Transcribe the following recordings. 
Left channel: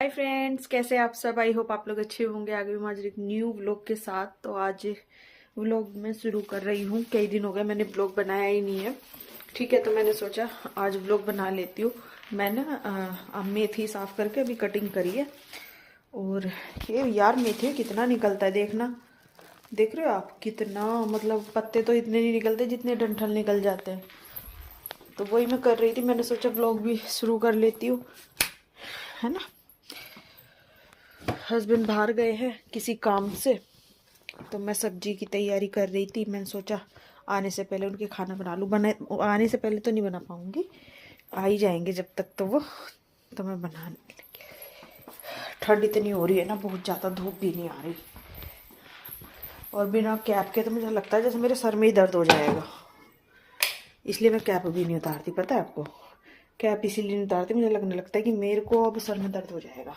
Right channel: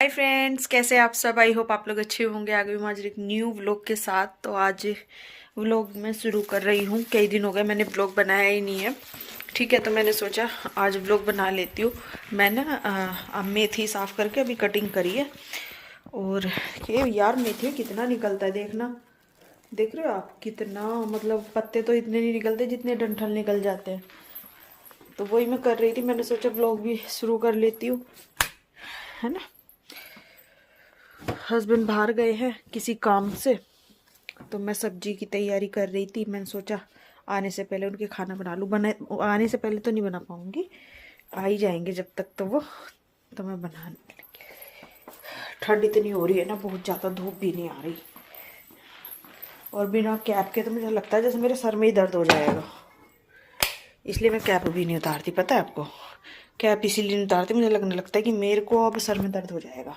Hi friends, कैसे आप सब। आई होप आप लोग अच्छे होंगे। आगे भी आज एक न्यू व्लॉग के साथ। तो आज व्लॉग मैं शुरू कर रही हूँ। कई दिन हो गए मैंने व्लॉग बनाया ही नहीं है। ठीक है, तो मैंने सोचा आज व्लॉग बना लेती हूँ। मैं ना अब मेथी साफ़ करके अभी कटिंग करी है। और ये यार मेथी कितना निकलता है, देखना। देख रहे हो आप कितना, मतलब पत्ते तो इतने नहीं निकलते जितने डंठल निकल जाते हैं। तो वही मैं कर रही थी, मैंने सोचा व्लॉग भी शुरू कर लेती हूँ, है ना। हस्बैंड बाहर गए हैं किसी काम से, तो मैं सब्जी की तैयारी कर रही थी। मैंने सोचा आने से पहले उनके खाना बना लूँ। आने से पहले तो नहीं बना पाऊँगी, आ ही जाएंगे जब तक तो वो, तो मैं बना लूँगी। ठंड इतनी हो रही है ना, बहुत ज़्यादा धूप भी नहीं आ रही। और बिना कैप के तो मुझे लगता है जैसे मेरे सर में ही दर्द हो जाएगा, इसलिए मैं कैप भी नहीं उतारती। पता है आपको, कैप इसीलिए नहीं उतारती, मुझे लगने लगता है कि मेरे को अब सर में दर्द हो जाएगा।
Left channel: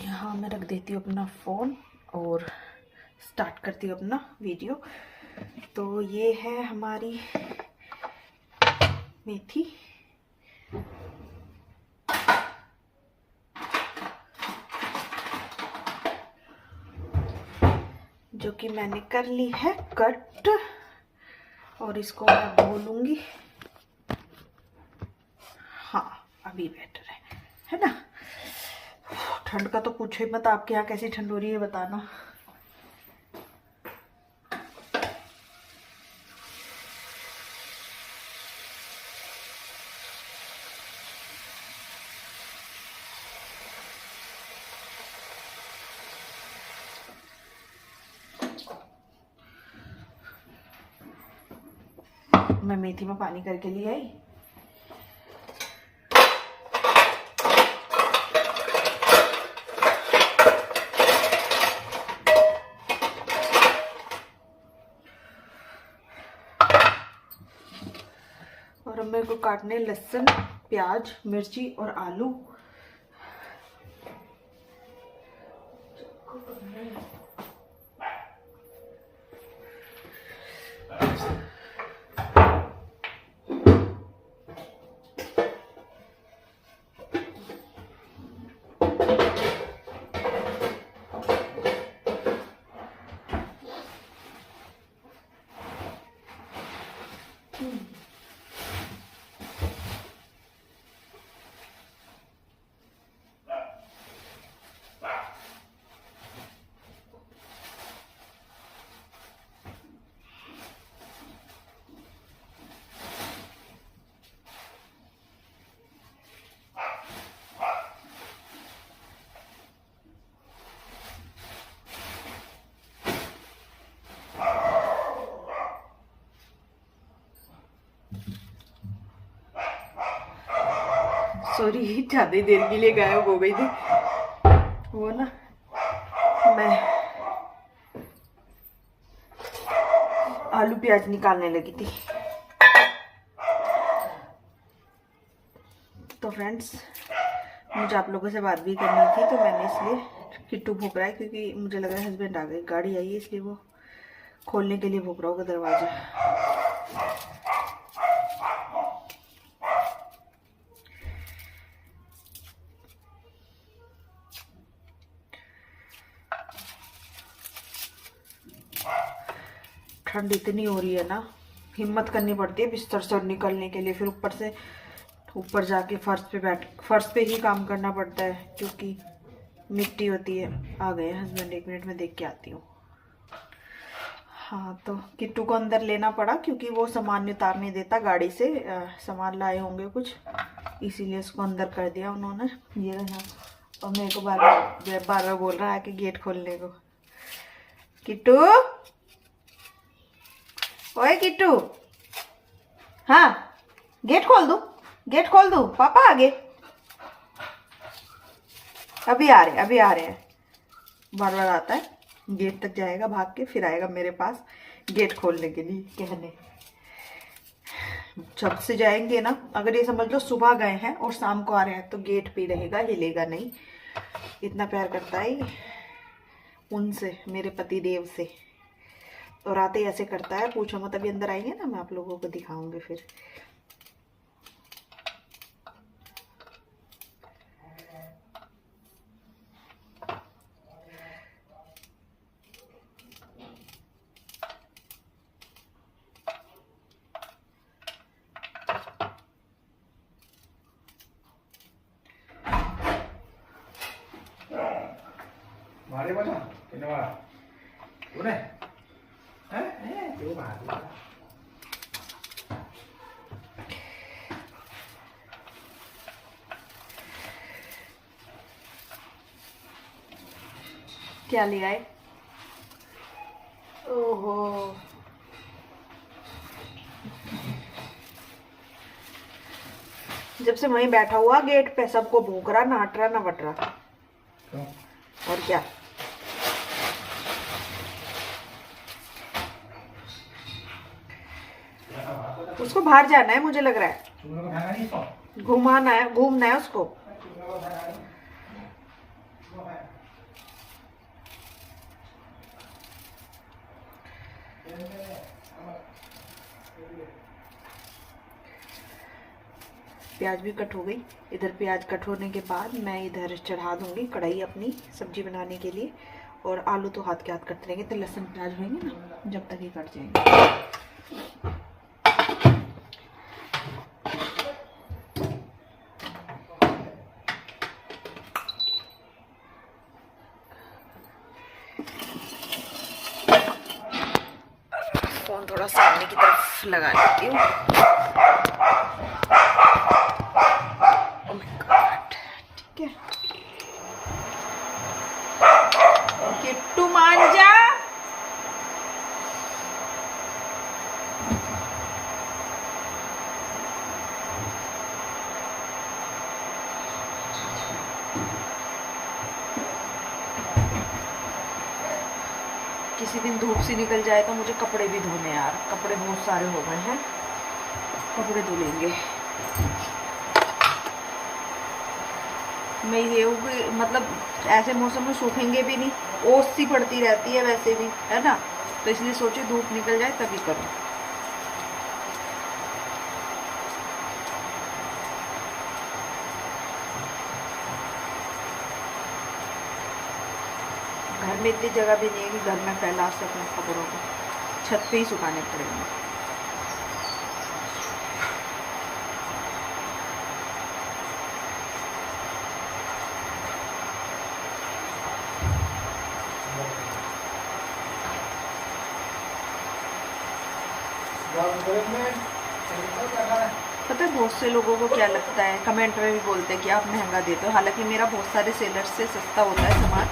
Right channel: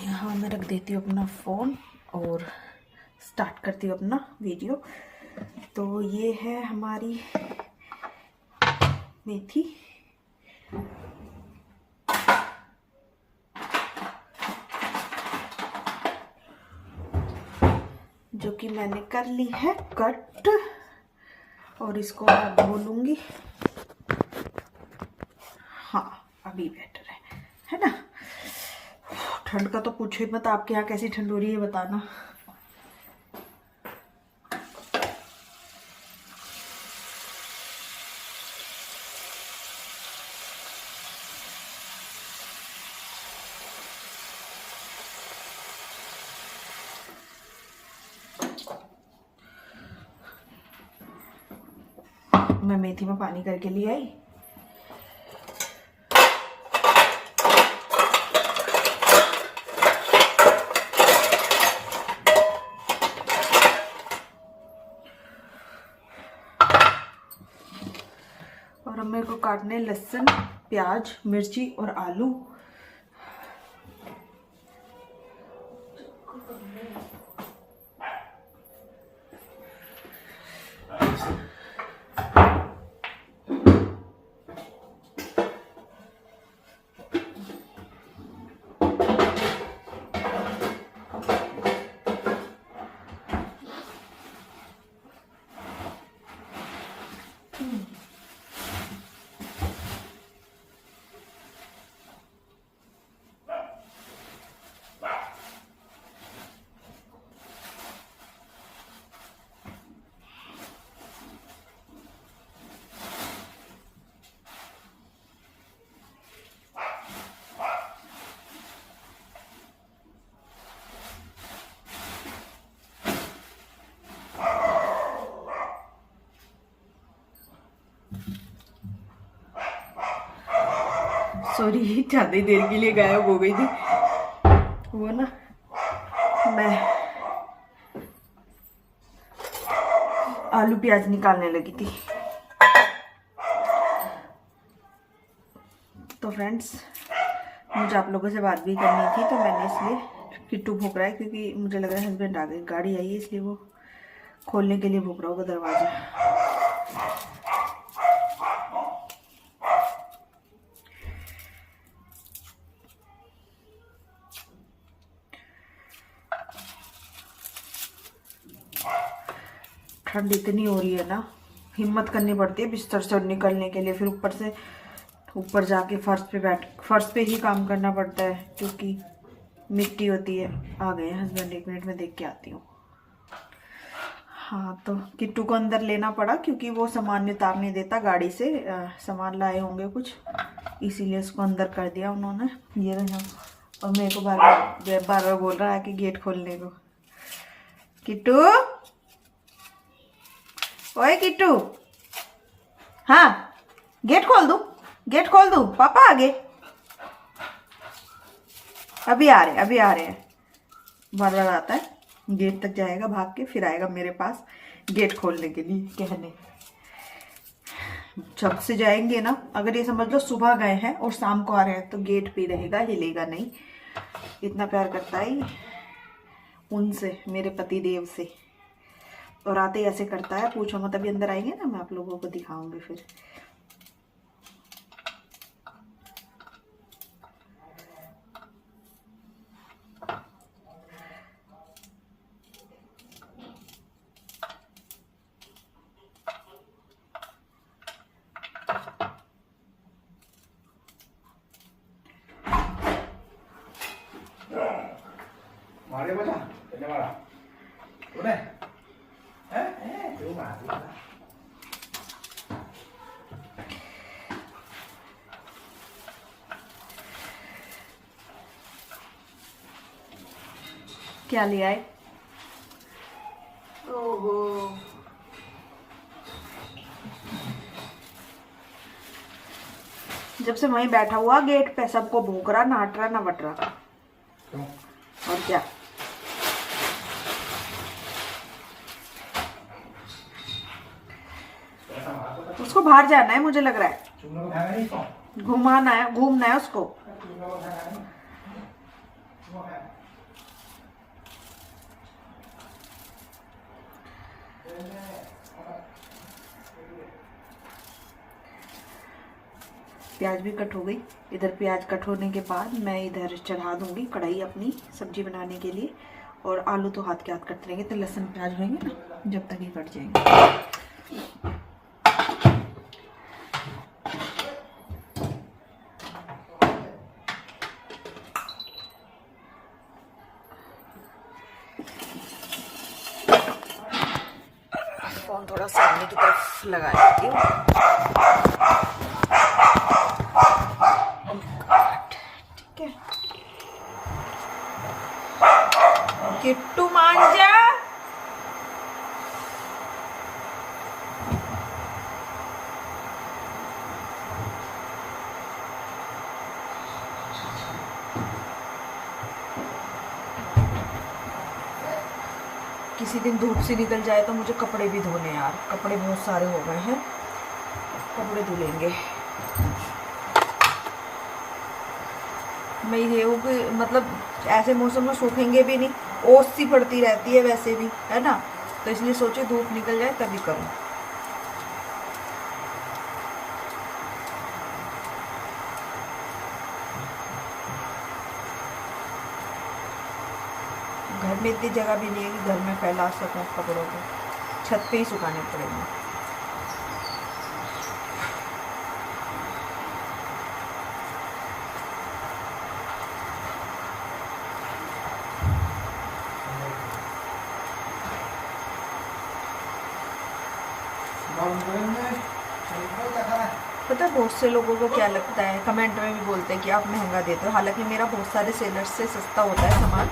यहाँ मैं रख देती हूँ अपना फ़ोन और स्टार्ट करती हूँ अपना वीडियो। तो ये है हमारी मेथी। जो कि मैंने कर ली है कट, और इसको मैं धो लूँगी। हाँ, अभी बेटर है ना। ठंड का तो पूछो ही मत। आपके यहाँ कैसी ठंड हो रही है बताना। मैं मेथी में पानी करके लिए आई। और अब मेरे को काटने लहसुन, प्याज, मिर्ची और आलू। सॉरी, ज़्यादा देर के लिए गायब हो गई थी। वो ना, मैं आलू प्याज निकालने लगी थी। तो फ्रेंड्स, मुझे आप लोगों से बात भी करनी थी, तो मैंने इसलिए किट्टू भूख रहा है, क्योंकि मुझे लग रहा है हस्बैंड आ गए, गाड़ी आई है, इसलिए वो खोलने के लिए भूख रहा होगा दरवाज़ा। ठंड इतनी हो रही है ना, हिम्मत करनी पड़ती है बिस्तर से निकलने के लिए। फिर ऊपर से ऊपर जाके फर्श पे ही काम करना पड़ता है, क्योंकि मिट्टी होती है। आ गए हस्बैंड, 1 मिनट में देख के आती हूँ। हाँ, तो किट्टू को अंदर लेना पड़ा, क्योंकि वो सामान उतार नहीं देता गाड़ी से। सामान लाए होंगे कुछ, इसीलिए उसको अंदर कर दिया उन्होंने। ये रहा। और मेरे को बार बार बोल रहा है कि गेट खोलने को। किट्टू, ओए किट्टू, हाँ, गेट खोल दूँ? गेट खोल दूँ? पापा आगे, अभी आ रहे हैं। बार बार आता है, गेट तक जाएगा भाग के, फिर आएगा मेरे पास गेट खोलने के लिए कहने। जब से जाएंगे ना, अगर ये समझ लो सुबह गए हैं और शाम को आ रहे हैं, तो गेट पे रहेगा, हिलेगा नहीं। इतना प्यार करता है उनसे, मेरे पति देव से। और आते ही ऐसे करता है, पूछो मत। अभी अंदर आएंगे ना, मैं आप लोगों को दिखाऊंगी फिर। deh mana? Kena mana? Mana? Rumah. क्या ले आए? ओहो, जब से वहीं बैठा हुआ गेट पे सबको भूख रहा, नाट रहा, ना बट रहा। और क्या, उसको बाहर जाना है, मुझे लग रहा है घूमना है उसको। प्याज भी कट हो गई। इधर प्याज कट होने के बाद मैं इधर चढ़ा दूंगी कढ़ाई अपनी सब्जी बनाने के लिए। और आलू तो हाथ के हाथ कटते रहेंगे, तो लहसुन प्याज होंगे ना जब तक ये कट जाएंगे। फोन थोड़ा सामने की तरफ लगा देती हूँ। ठीक है, किट्टू मान जा। किसी दिन धूप से निकल जाए तो मुझे कपड़े भी धोने यार, कपड़े बहुत सारे हो गए हैं, कपड़े धुलेंगे। मैं ये हूँ कि मतलब ऐसे मौसम में सूखेंगे भी नहीं, ओस सी पड़ती रहती है वैसे भी, है ना, तो इसलिए सोचे धूप निकल जाए तभी करूँ। घर में इतनी जगह भी नहीं है कि घर में फैला सकूं कपड़ों को, छत पे ही सुखाने पड़ेंगे। पता है बहुत से लोगों को क्या लगता है, कमेंट में भी बोलते हैं कि आप महंगा देते हो, हालांकि मेरा बहुत सारे सेलर्स से सस्ता होता है सामान,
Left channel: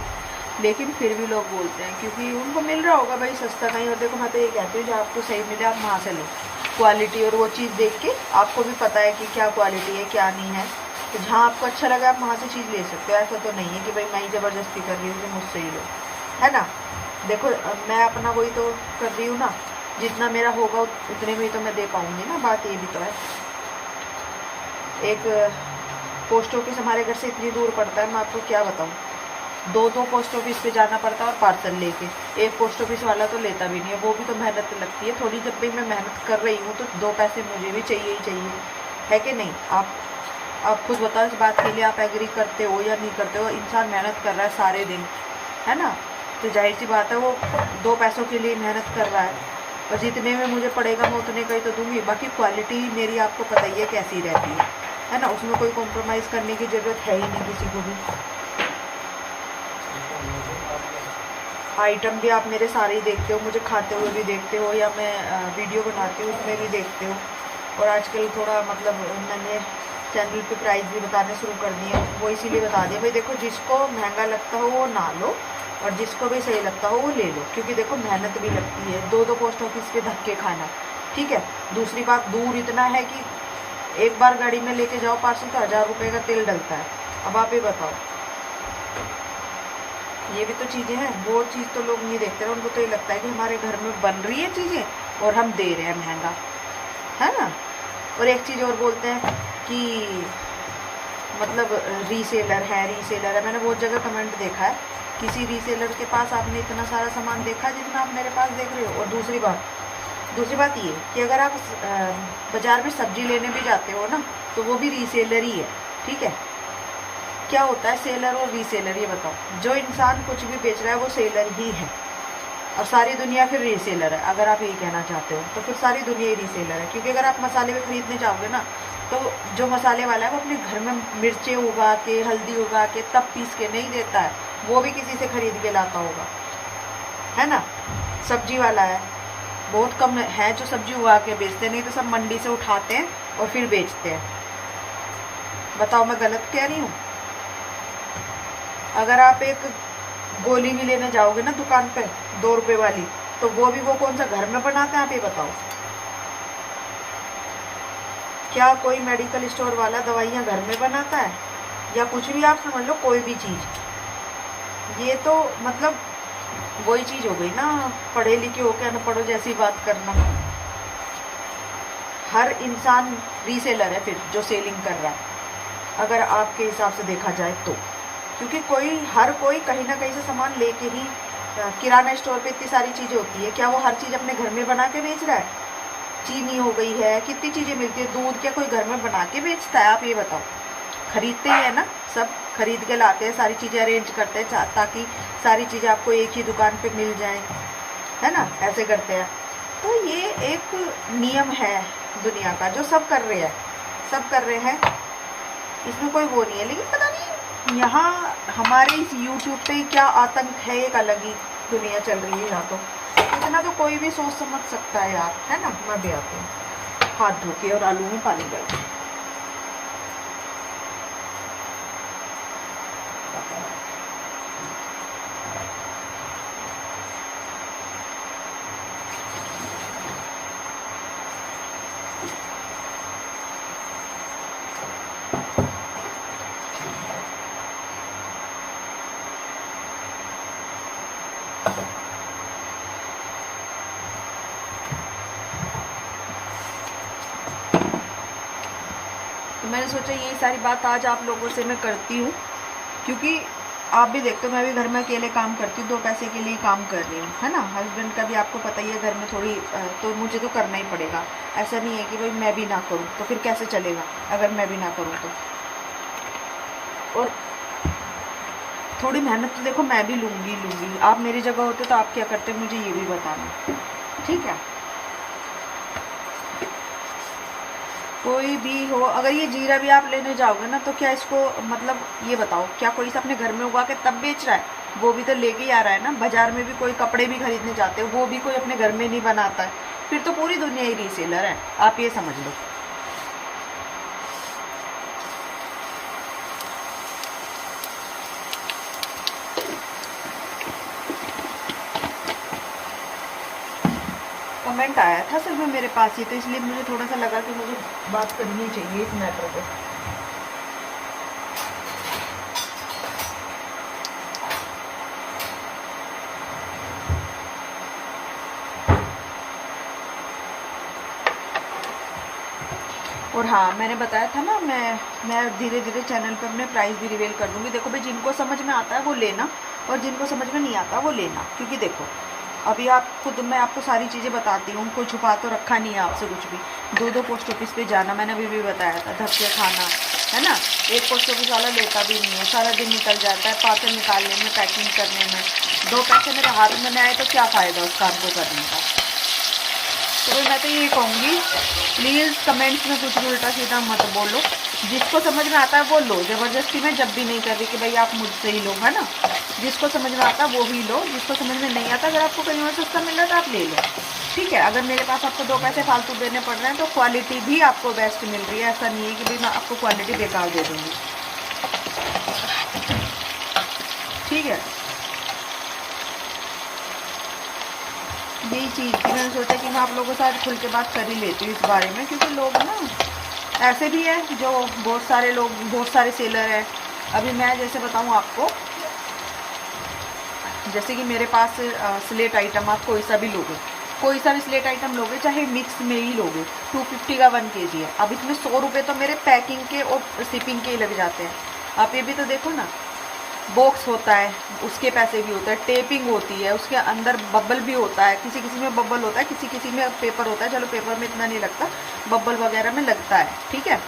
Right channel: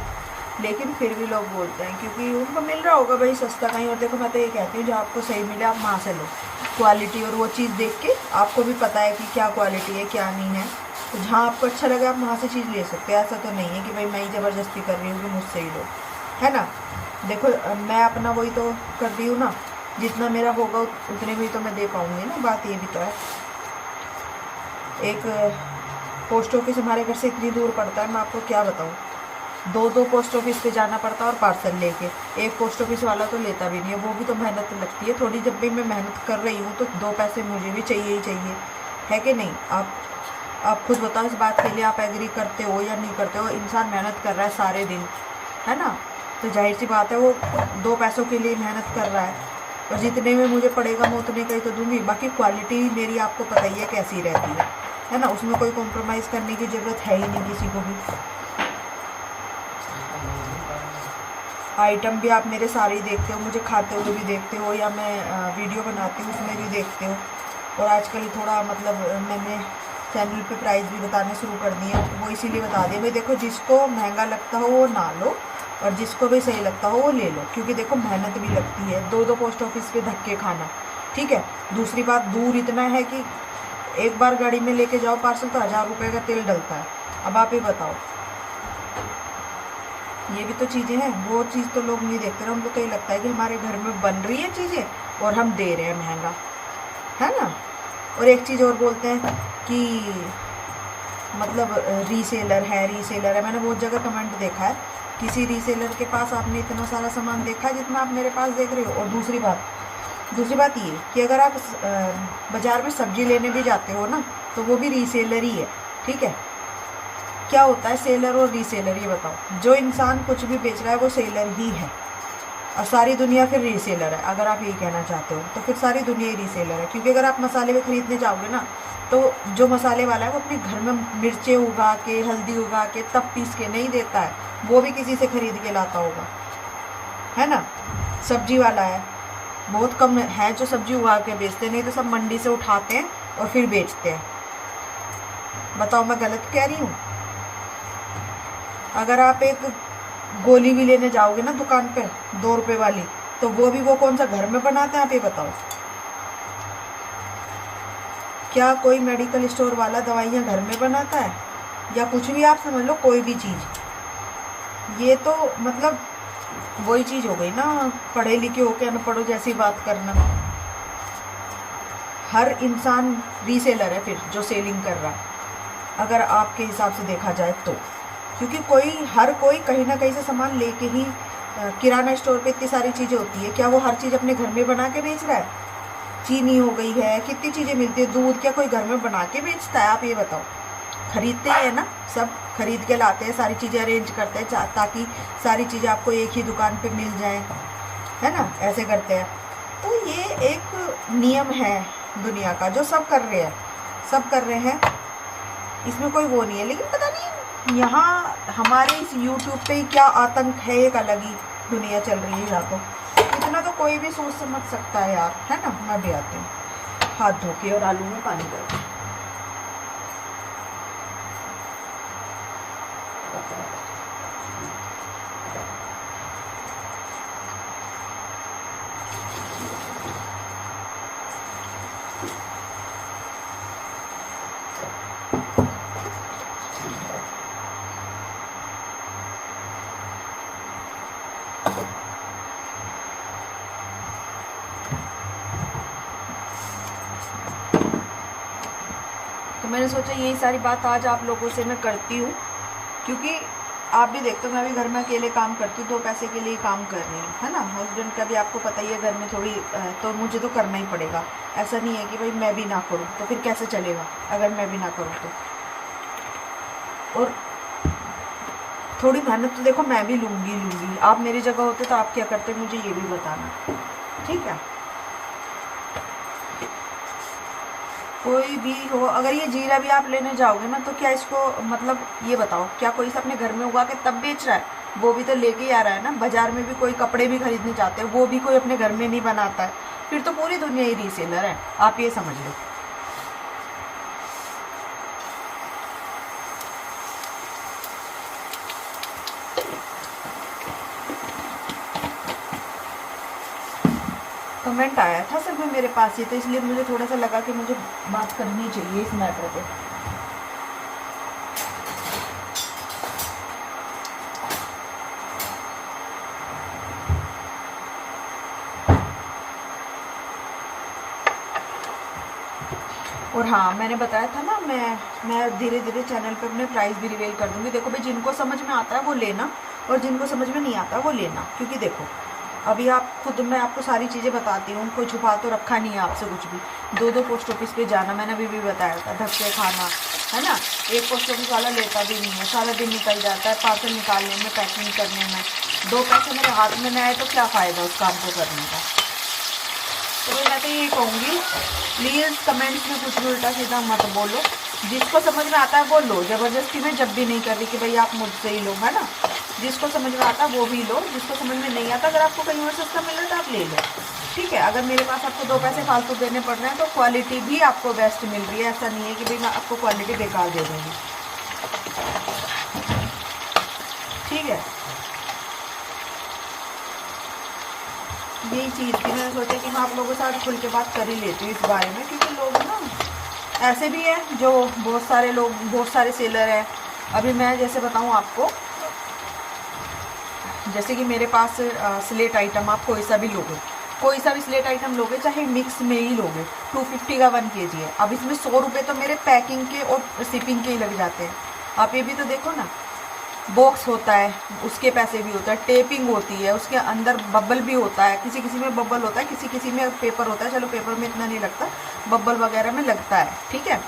लेकिन फिर भी लोग बोलते हैं क्योंकि उनको मिल रहा होगा भाई सस्ता कहीं। और देखो मैं तो ये कहती हूँ जो आपको सही मिले आप वहाँ से लो, क्वालिटी और वो चीज़ देख के आपको भी पता है कि क्या क्वालिटी है क्या नहीं है, तो जहाँ आपको अच्छा लगा आप वहाँ से चीज़ ले सकते हो। ऐसा तो नहीं है कि भाई मैं ही ज़बरदस्ती कर रही हूँ कि मुझसे ही लो, है ना। देखो मैं अपना वही तो कर रही हूँ ना, जितना मेरा होगा उतने में ही तो मैं दे पाऊँगी ना, बात ये भी तो है। एक पोस्ट ऑफिस हमारे घर से इतनी दूर पड़ता है, मैं आपको क्या बताऊँ, दो पोस्ट ऑफिस पे जाना पड़ता है और पार्सल लेके। एक पोस्ट ऑफिस वाला तो लेता भी नहीं है, वो भी तो मेहनत लगती है थोड़ी। जब भी मैं मेहनत कर रही हूँ तो 2 पैसे मुझे भी चाहिए ही चाहिए, है कि नहीं। आप खुद बताओ इस बात के लिए, आप एग्री करते हो या नहीं करते हो। इंसान मेहनत कर रहा है सारे दिन, है ना, तो जाहिर सी बात है वो 2 पैसों के लिए मेहनत कर रहा है, और जितने में मुझे पड़ेगा मैं उतने का ही तो दूंगी। बाकी क्वालिटी मेरी आपको पता ही है कैसी रहती है ना, उसमें कोई कॉम्प्रोमाइज़ करने की ज़रूरत है ही नहीं किसी को भी। आइटम भी आप मेरे सारे ही देखते हो, मुझे खाते हुए भी देखते हो, या मैं वीडियो बनाती हूँ उसमें भी देखते हो। और आजकल थोड़ा मतलब मैंने चैनल पे प्राइस भी बताने शुरू कर दिए, वो इसीलिए बता दिया भाई देखो जिसको महंगा लगता हो वो ना लो, और जिसको भी सही लगता हो वो ले लो, क्योंकि देखो मेहनत भी लगती है 2 पोस्ट ऑफिस पे धक्के खाना, ठीक है। दूसरी बात, दूर इतना है कि एक बार गाड़ी में लेके जाओ पार्सल तो 1000 रुपये का तेल डलता है। अब आप ही बताओ, ये भी तो चीज़ें हैं, वो चीज़ तो लोग नहीं देखते ना, उनको तो ये लगता है कि हमारे घर में बन रही है चीज़ें और हम दे रहे हैं महंगा, है ना। और एक चीज़ और बोलते हैं कि मतलब रीसेलर है। मैंने बहुत जगह कमेंट देखा है, किसी रीसेलर के पास आपने इतना सारा सामान देखा जितना आप मेरे पास देख रहे हो। और दूसरी बात ये कि अगर आप बाज़ार में सब्जी लेने भी जाते हो ना, तो वो भी रीसेलर ही है, ठीक है। क्या होता है सेलर और रीसेलर, ये बताओ। जो इंसान कुछ भी बेच रहा है वो सेलर ही है, और सारी दुनिया फिर रीसेलर है। अगर आप यही कहना चाहते हो तो फिर सारी दुनिया ही रीसेलर है, क्योंकि अगर आप मसाले में ख़रीदने जाओगे ना तो जो मसाले वाला है वो अपने घर में मिर्चें उगा के, हल्दी उगा के, तब पीस के नहीं देता है, वो भी किसी से ख़रीद के लाता होगा, है ना। सब्जी वाला है, बहुत कम है जो सब्जी उगा के बेचते, नहीं तो सब मंडी से उठाते हैं और फिर बेचते हैं। बताओ मैं गलत कह रही हूँ? अगर आप एक गोली भी लेने जाओगे ना दुकान पे 2 रुपए वाली, तो वो कौन सा घर में बनाते हैं, आप ये बताओ। क्या कोई मेडिकल स्टोर वाला दवाइयाँ घर में बनाता है? या कुछ भी आप समझ लो, कोई भी चीज़। ये तो मतलब वही चीज़ हो गई ना, पढ़े लिखे होके अनपढ़ों जैसी बात करना। हर इंसान रीसेलर है फिर, जो सेलिंग कर रहा है, अगर आपके हिसाब से देखा जाए तो। क्योंकि हर कोई कहीं ना कहीं से सामान लेके ही, किराना स्टोर पे इतनी सारी चीज़ें होती है, क्या वो हर चीज़ अपने घर में बना के बेच रहा है? चीनी हो गई है, कितनी चीज़ें मिलती है, दूध, क्या कोई घर में बना के बेचता है? आप ये बताओ। खरीदते ही है ना, सब खरीद के लाते हैं, सारी चीज़ें अरेंज करते हैं ताकि सारी चीज़ें आपको एक ही दुकान पे मिल जाएं, है ना, ऐसे करते हैं। तो ये एक नियम है दुनिया का, जो सब कर रहे हैं, सब कर रहे हैं, इसमें कोई वो नहीं है। लेकिन पता नहीं यहाँ हमारे इस यूट्यूब पे क्या आतंक है, एक अलग ही दुनिया चल रही है यहाँ। तो इतना तो कोई भी सोच समझ सकता है यार, है ना। मैं भी आती हूँ हाथ धो के और आलू में पानी डाल के। तो मैंने सोचा यही सारी बात आज आप लोगों से मैं करती हूँ, क्योंकि आप भी देखते हो मैं भी घर में अकेले काम करती हूँ, 2 पैसे के लिए काम कर रही हूँ, है ना। हस्बैंड का भी आपको पता ही है, घर में थोड़ी तो मुझे तो करना ही पड़ेगा। ऐसा नहीं है कि भाई मैं भी ना करूँ, तो फिर कैसे चलेगा अगर मैं भी ना करूँ तो। और थोड़ी मेहनत तो देखो मैं भी लूँगी। आप मेरी जगह होते तो आप क्या करते, मुझे ये भी बताना, ठीक है। कोई भी हो, अगर ये जीरा भी आप लेने जाओगे ना, तो क्या इसको मतलब ये बताओ, क्या कोई से अपने घर में उगा के तब बेच रहा है? वो भी तो लेके ही आ रहा है ना। बाजार में भी कोई कपड़े भी खरीदने जाते हैं, वो भी कोई अपने घर में नहीं बनाता है। फिर तो पूरी दुनिया ही रीसेलर है, आप ये समझ लो। कमेंट आया था सर में मेरे पास ही, तो इसलिए मुझे थोड़ा सा लगा कि मुझे बात करनी चाहिए इस मैटर पे। और हाँ, मैंने बताया था ना, मैं धीरे धीरे चैनल पे अपने प्राइस भी रिवील कर दूँगी। देखो भाई, जिनको समझ में आता है वो लेना, और जिनको समझ में नहीं आता वो लेना। क्योंकि देखो अभी आप खुद, मैं आपको सारी चीज़ें बताती हूँ, कोई छुपा तो रखा नहीं है आपसे कुछ भी। 2 पोस्ट ऑफिस पे जाना, मैंने अभी भी बताया था, धक्के खाना, है ना। एक पोस्ट ऑफिस वाला लेता भी नहीं है, सारा दिन निकल जाता है पार्सल निकालने में, पैकिंग करने में। 2 पैसे मेरे हाथ में आए तो क्या फ़ायदा उस काम को करने का। तो मैं तो यही कहूँगी, प्लीज़ कमेंट्स में कुछ भी उल्टा सीधा मत बोलो। जिसको समझ में आता है वो लो, ज़बरदस्ती में जब भी नहीं कर रही कि भाई आप मुझसे ही लो, है ना। जिसको समझ में आता है वो भी लो, जिसको समझ में नहीं आता, अगर आपको कहीं और सस्ता मिल रहा है तो आप ले लो, ठीक है। अगर मेरे पास आपको 2 पैसे फालतू देने पड़ रहे हैं तो क्वालिटी भी आपको बेस्ट मिल रही है। ऐसा नहीं है कि भाई मैं आपको क्वालिटी बेकार दे दूँगी, ठीक है। यही चीज़ थी, मैंने सोचा कि मैं आप लोगों के साथ खुल के बात कर ही लेती हूँ इस बारे में, क्योंकि लोग ना ऐसे भी है जो बहुत सारे सेलर हैं। अभी मैं जैसे बताऊँ आपको, जैसे कि मेरे पास स्लेट आइटम, आप कोई सा भी लोगे, कोई सा भी स्लेट आइटम लोगे, चाहे मिक्स में ही लोगे, 250 का 1 kg है। अब इसमें 100 रुपये तो मेरे पैकिंग के और शिपिंग के ही लग जाते हैं। आप ये भी तो देखो ना, बॉक्स होता है उसके पैसे भी होता है, टेपिंग होती है, उसके अंदर बबल भी होता है, किसी किसी में बबल होता है, किसी किसी में पेपर होता है। चलो पेपर में इतना नहीं लगता, बबल वगैरह में लगता है, ठीक है।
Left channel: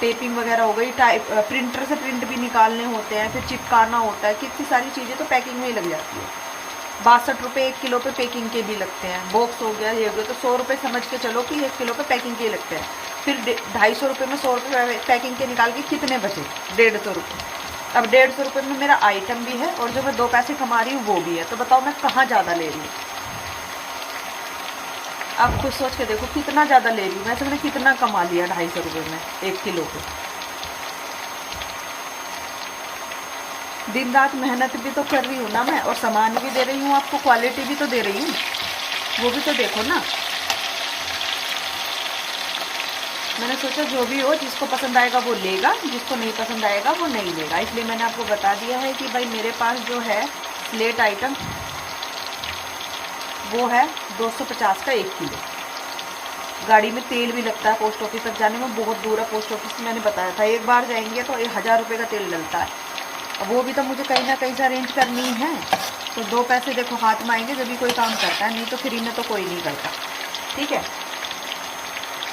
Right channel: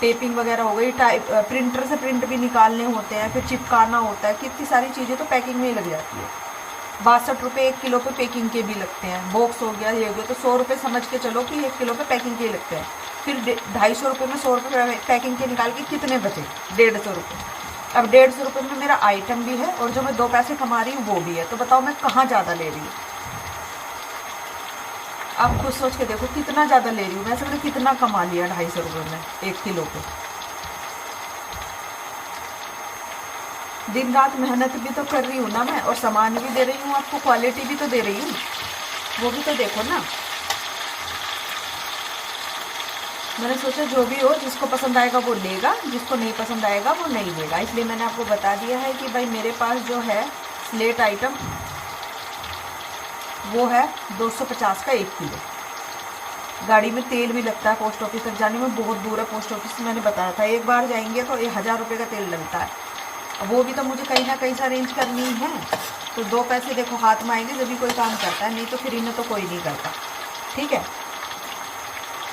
टेपिंग वगैरह हो गई, प्रिंटर से प्रिंट भी निकालने होते हैं, फिर चिपकाना होता है, कितनी सारी चीज़ें तो पैकिंग में ही लग जाती है। ₹62 1 किलो पे पैकिंग के भी लगते हैं। बॉक्स हो गया, ये हो गया, तो 100 रुपये समझ के चलो कि 1 किलो पे पैकिंग के लगते हैं। फिर 250 में 100 रुपये पैकिंग के निकाल के कितने बचे? 150 रुपये। अब 150 रुपये में मेरा आइटम भी है और जो मैं 2 पैसे कमा रही हूँ वो भी है। तो बताओ मैं कहाँ ज़्यादा ले रही हूँ? आप खुद सोच के देखो कितना ज़्यादा ले रही हूँ। वैसे मैंने कितना कमा लिया 250 रुपये में 1 किलो पे। दिन रात मेहनत भी तो कर रही हूँ ना मैं, और सामान भी दे रही हूँ आपको, क्वालिटी भी तो दे रही हूँ, वो भी तो देखो ना। मैंने सोचा जो भी हो, जिसको पसंद आएगा वो लेगा, जिसको नहीं पसंद आएगा वो नहीं लेगा। इसलिए मैंने आपको बता दिया है कि भाई मेरे पास जो है स्लेट आइटम वो है 250 का 1 किलो। गाड़ी में तेल भी लगता है, पोस्ट ऑफिस तक जाने में बहुत दूर है पोस्ट ऑफिस, मैंने बताया था। एक बार जाएंगे तो 1000 रुपये का तेल डलता है। वो भी तो मुझे कहीं ना कहीं से अरेंज करनी है। तो 2 पैसे देखो हाथ में आएंगे जब भी कोई काम करता है, नहीं तो फ्री में तो कोई नहीं करता। ठीक है,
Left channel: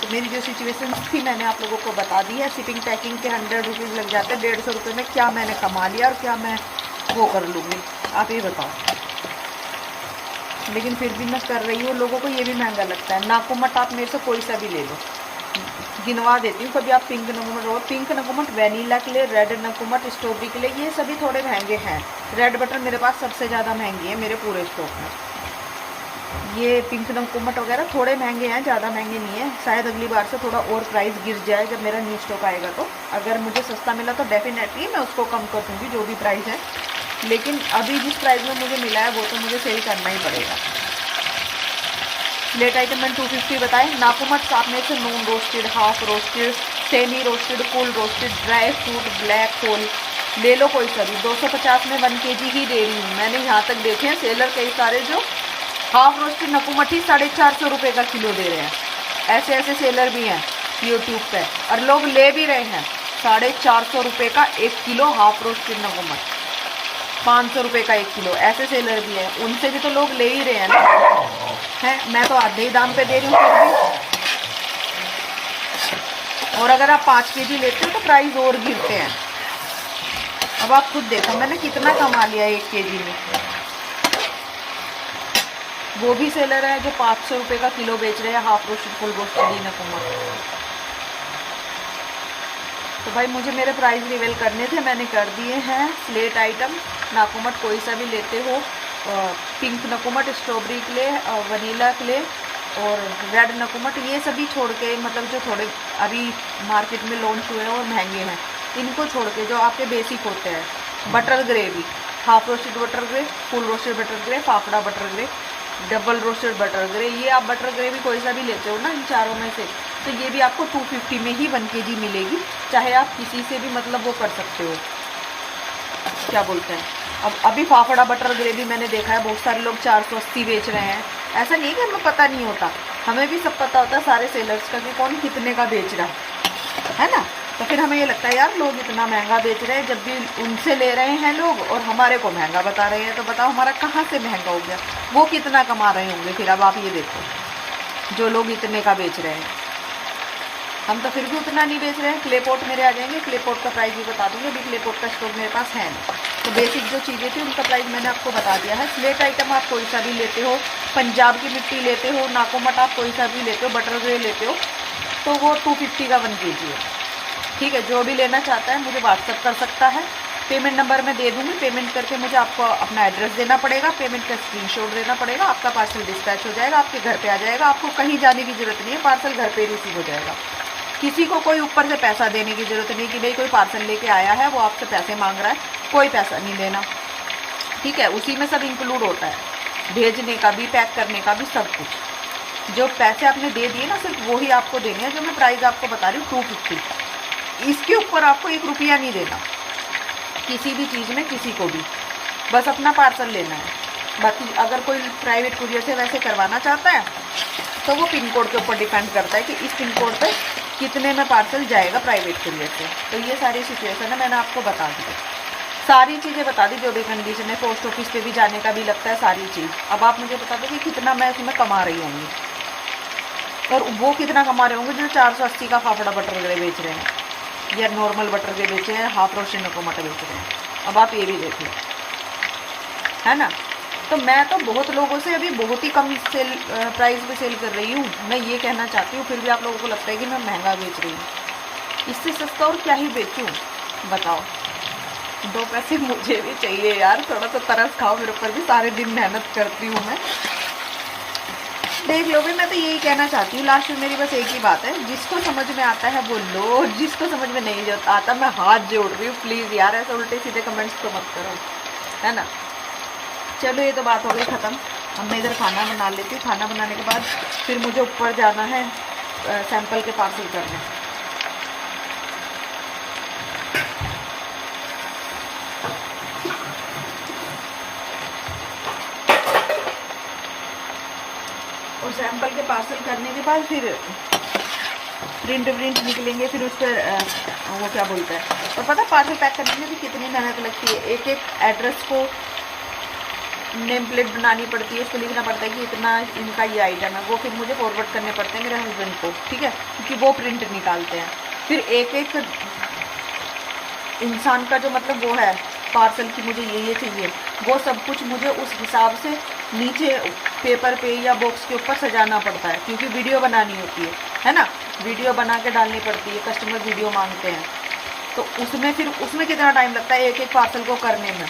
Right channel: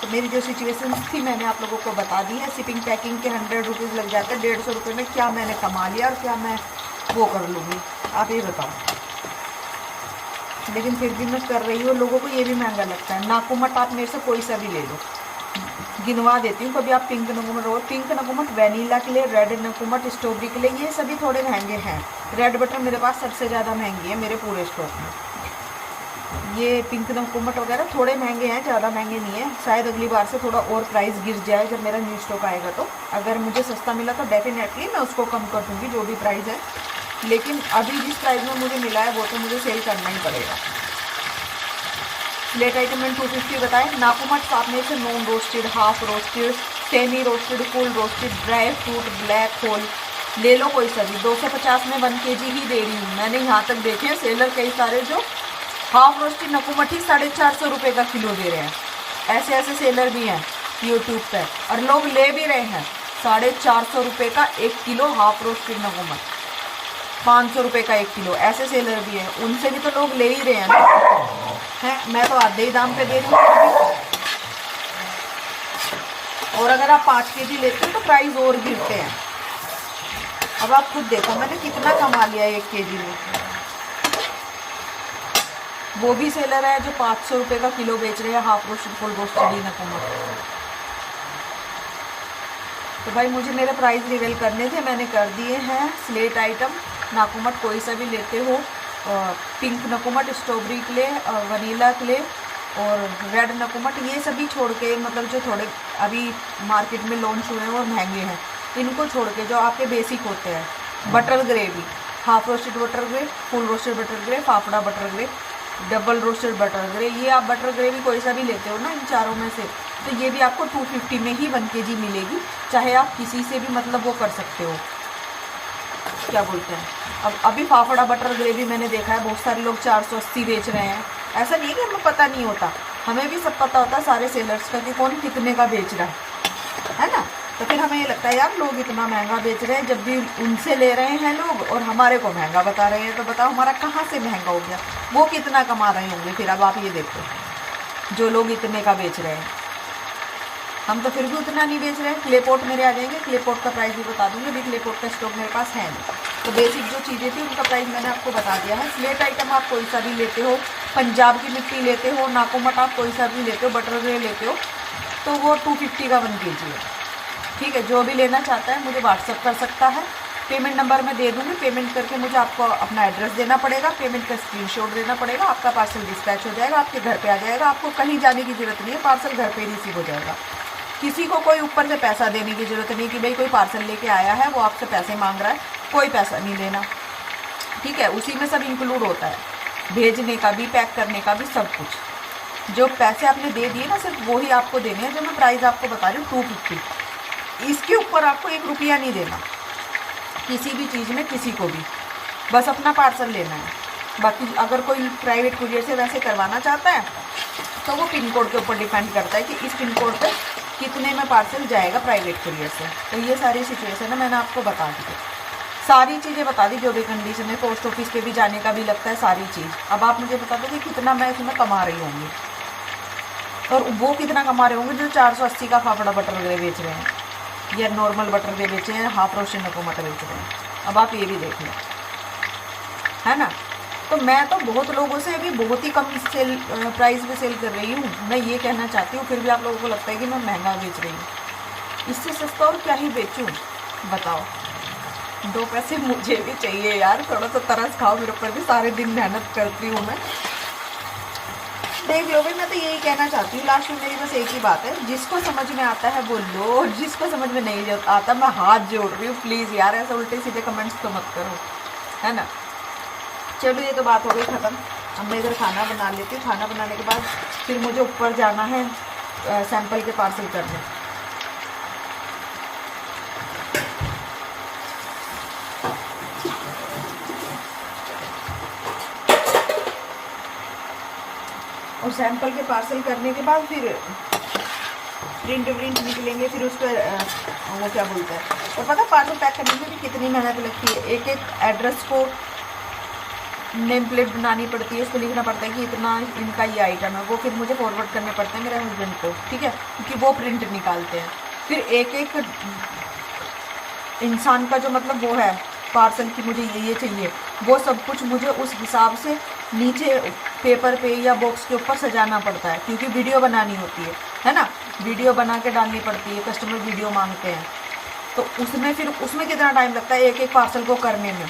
तो मेरी जो सिचुएशन थी मैंने आप लोगों को बता दी है। शिपिंग पैकिंग के 100 रुपीज़ लग जाते हैं। 150 रुपये में क्या मैंने कमा लिया और क्या मैं वो कर लूँगी, आप ये बताओ। लेकिन फिर भी मैं कर रही हूँ। लोगों को ये भी महंगा लगता है। नाकुमट आप मेरे से कोई सा भी ले लो, गिनवा देती हूँ। कभी आप पिंक नकुमट हो, पिंक नकुमट वैनिला के लिए, रेड नकुमट स्ट्रॉबेरी के लिए, ये सभी थोड़े महंगे हैं। रेड बटर मेरे पास सबसे ज़्यादा महंगी है मेरे पूरे स्टॉक में। ये पिंक नकुमट वगैरह थोड़े महंगे हैं, ज़्यादा महंगे नहीं है। शायद अगली बार से थोड़ा और प्राइस गिर जाए जब मेरा न्यू स्टॉक आएगा। तो अगर मुझे सस्ता मिला तो डेफिनेटली मैं उसको कम कर दूँगी जो भी प्राइस है। लेकिन अभी जिस प्राइस में मुझे मिला है वो तो मुझे सेल करना ही पड़ेगा। स्लेट आइटम मैंने 250 बताए। नाकुमट आप में से non roasted, half roasted, semi roasted, full roasted, dry fruit, black hole ले लो कोई सा भी। 250 में 1 kg ही दे रही हूँ। मैंने यहाँ तक देखे हैं सेलर कई सारे जो हाफ रोस्टेड नकुमट ही 450 रुपये का किलो दे रहे हैं। ऐसे ऐसे सेलर भी हैं यूट्यूब पे, और लोग ले भी रहे हैं 450 रुपये का 1 किलो हाफ रोस्टेड नकुमट, 500 रुपये का 1 किलो। ऐसे सेलर भी हैं, उनसे भी तो लोग ले ही रहे हैं ना। हैं, मैं तो आधे ही दाम पे दे रही हूँ फिर भी। और अगर आप 5 kg लेते हो तो प्राइस और गिरते हैं। अब आप खुद देखो मैंने कितना कमा लिया 1 kg में। वो भी सेलर है जो 500 रुपये का किलो बेच रहे हैं हाफ रोस्टेड, फुल रोस्टेड नकुमट। तो भाई मुझे मेरे प्राइस रिवील करने थे, मैंने कर दिए हैं। स्लेट आइटम नाकुमट कोई सा भी लेते हो, पिंक नकुमट स्ट्रॉबेरी के लिए, वनीला के लिए, और रेड नकुमट, ये सभी छोड़ के, मतलब जो थोड़े अभी मार्केट में लॉन्च हुए हैं और महंगे हैं, इनको छोड़ के जो आपके बेसिक होते हैं, butter gravy, half roasted butter grey, full roasted butter grey, fafda butter grey, double roasted butter grey, ये आप बटर ग्रेवी कोई सा भी लेते हो ना इन चारों में से, तो ये भी आपको 250 में ही 1 kg मिलेगी। चाहे आप किसी से भी मतलब वो कर सकते हो, क्या बोलते हैं। अब अभी फाफड़ा बटर ग्रेवी मैंने देखा है बहुत सारे लोग 480 बेच रहे हैं। ऐसा नहीं है कि हमें पता नहीं होता, हमें भी सब पता होता है सारे सेलर्स का कि कौन कितने का बेच रहा है ना। तो फिर हमें ये लगता है यार लोग इतना महंगा बेच रहे हैं, जब भी उनसे ले रहे हैं लोग और हमारे को महंगा बता रहे हैं, तो बताओ हमारा कहाँ से महंगा हो गया, वो कितना कमा रहे होंगे। फिर अब आप ये देखो जो लोग इतने का बेच रहे हैं, हम तो फिर भी उतना नहीं बेच रहे हैं। क्ले पॉट मेरे आ जाएंगे, क्ले पॉट का प्राइस भी बता दूंगी। अभी क्ले पॉट का स्टॉक मेरे पास है नहीं। तो बेसिक जो चीज़ें थी उनका प्राइस मैंने आपको बता दिया है। स्लेट आइटम आप कोई सा भी लेते हो, पंजाब की मिट्टी लेते हो, नाकुमट आप कोई सा भी लेते हो, बटर ग्रे लेते हो, तो वो 250 का 1 kg है। ठीक है, जो भी लेना चाहता है मुझे व्हाट्सअप कर सकता है। पेमेंट नंबर मैं दे दूँगी। पेमेंट करके मुझे आपको अपना एड्रेस देना पड़ेगा, पेमेंट का स्क्रीनशॉट देना पड़ेगा, आपका पार्सल डिस्पैच हो जाएगा, आपके घर पे आ जाएगा। आपको कहीं जाने की ज़रूरत नहीं है, पार्सल घर पे रिसीव हो जाएगा। किसी को कोई ऊपर से पैसा देने की ज़रूरत नहीं कि भाई कोई पार्सल लेके आया है वो आपसे पैसे मांग रहा है, कोई पैसा नहीं देना। ठीक है, उसी में सब इंक्लूड होता है, भेजने का भी, पैक करने का भी, सब कुछ। जो पैसे आपने दे दिए ना सिर्फ वही आपको देने हैं। जो मैं प्राइस आपको बता रही हूँ 250, इसके ऊपर आपको 1 रुपया नहीं देना किसी भी चीज़ में, किसी को भी। बस अपना पार्सल लेना है। बाकी अगर कोई प्राइवेट कुरियर से वैसे करवाना चाहता है तो वो पिन कोड के ऊपर डिपेंड करता है कि इस पिन कोड पे कितने में पार्सल जाएगा प्राइवेट कुरियर से। तो ये सारी सिचुएशन है, मैंने आपको बता दी, सारी चीज़ें बता दी, जो भी कंडीशन है। पोस्ट ऑफिस पे भी जाने का भी लगता है, सारी चीज़। अब आप मुझे बता दो कि कितना मैं इसमें कमा रही होंगी, और वो कितना कमा रहे होंगे जो 480 का फाफड़ा बटर ग्रे बेच रहे हैं, या नॉर्मल बटर ग्रे बेचे हैं, हाफ रोस्टेड नकुमट बेच रहे हैं। अब आप ये भी देख लो, है ना। तो मैं तो बहुत लोगों से अभी बहुत ही कम सेल प्राइस पे सेल कर रही हूँ। मैं ये कहना चाहती हूँ, फिर भी आप लोगों को लगता है कि मैं महंगा बेच रही हूँ। इससे सस्ता और क्या ही बेचूँ बताओ। 2 पैसे मुझे भी चाहिए यार, थोड़ा सा तरस खाओ मेरे ऊपर भी, सारे दिन मेहनत करती हूँ मैं। देख लो भाई, मैं तो यही कहना चाहती हूँ लास्ट में मेरी बस एक ही बात है, जिसको समझ में आता है वो लो, जिसको समझ में नहीं आता मैं हाथ जोड़ रही हूँ प्लीज़ यार, ऐसे उल्टे सीधे कमेंट्स तो मत करो, है ना। चलो ये तो बात हो गई ख़त्म। अब मैं इधर खाना बना लेती हूँ। खाना बनाने के बाद फिर मुझे ऊपर जाना है सैंपल के पार्सल करने। और सैंपल के पार्सल करने के बाद फिर प्रिंट निकलेंगे, फिर उस पर वो क्या बोलता है, और पता पार्सल पैक करने में भी कितनी मेहनत लगती है। एक एक एड्रेस को नेम प्लेट बनानी पड़ती है, उस पर लिखना पड़ता है कि इतना इनका ये आइटम है, वो फिर मुझे फॉरवर्ड करने पड़ते हैं मेरे हस्बैंड को, ठीक है, क्योंकि वो प्रिंट निकालते हैं। फिर एक एक इंसान का जो मतलब वो है पार्सल की मुझे ये चाहिए, वो सब कुछ मुझे उस हिसाब से नीचे पेपर पे या बॉक्स के ऊपर सजाना पड़ता है, क्योंकि वीडियो बनानी होती है ना, वीडियो बना के डालनी पड़ती है, कस्टमर वीडियो मांगते हैं। तो उसमें कितना टाइम लगता है एक एक पार्सल को करने में,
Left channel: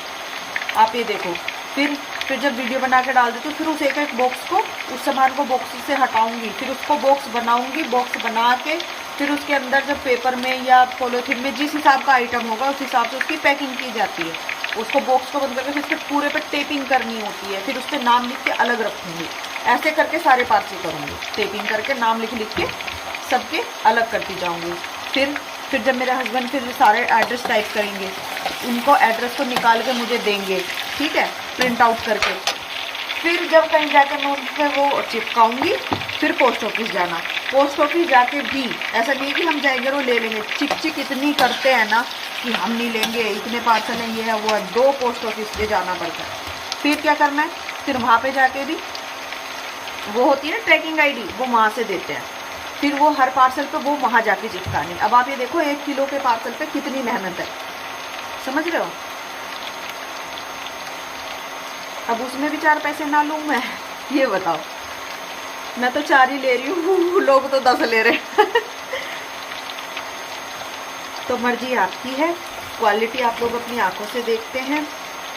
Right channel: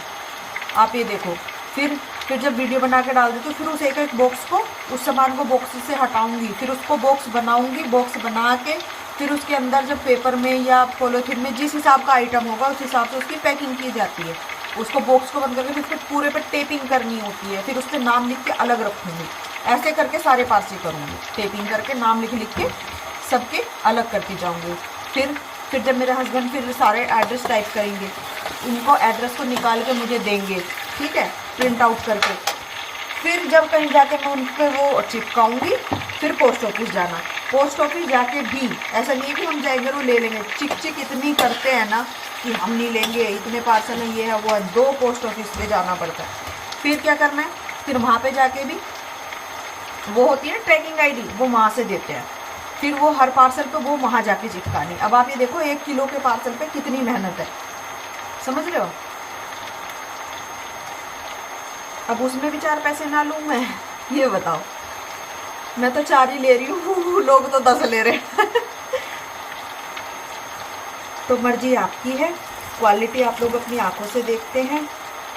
आप ये देखो। फिर जब वीडियो बना के डाल देती हूँ, फिर उस एक एक बॉक्स को, उस सामान को बॉक्स से हटाऊंगी, फिर उसको बॉक्स बनाऊंगी, बॉक्स बना के फिर उसके अंदर जब पेपर में या पॉलीथीन में जिस हिसाब का आइटम होगा उस हिसाब से उसकी पैकिंग की जाती है। उसको बॉक्स को बंद करके फिर पूरे पे टेपिंग करनी होती है, फिर उस पर नाम लिख के अलग रखूँगी। ऐसे करके सारे पार्सल करूँगी, टेपिंग करके नाम लिख के सबके अलग करती जाऊँगी। फिर जब मेरे हस्बैंड फिर सारे एड्रेस टाइप करेंगे, उनको एड्रेस को निकाल के मुझे देंगे, ठीक है, प्रिंट आउट करके। फिर जब कहीं जाके मैं उन पर वो चिपकाऊंगी, फिर पोस्ट ऑफिस जाना। पोस्ट ऑफिस जाके भी ऐसा नहीं है कि हम जाएंगे और ले लेंगे, चिक इतनी करते हैं ना कि हम नहीं लेंगे, इतने पार्सल हैं, ये है वो है, 2 पोस्ट ऑफिस पे जाना पड़ता है। फिर क्या करना है, फिर वहाँ पे जाके भी वो होती है ना ट्रैकिंग आईडी, वो वहाँ से देते हैं, फिर वो हर पार्सल पे वो वहाँ जाके चिपकानी। अब आप ये देखो 1 किलो के पार्सल पे कितनी मेहनत है, समझ रहे हो। अब उसमें भी 4 पैसे ना लूँ मैं, ये बताओ। मैं तो 4 ही ले रही हूँ, लोग तो 10 ले रहे हैं। तो मर्जी आपकी है, क्वालिटी आप लोग अपनी आंखों से देखते हैं,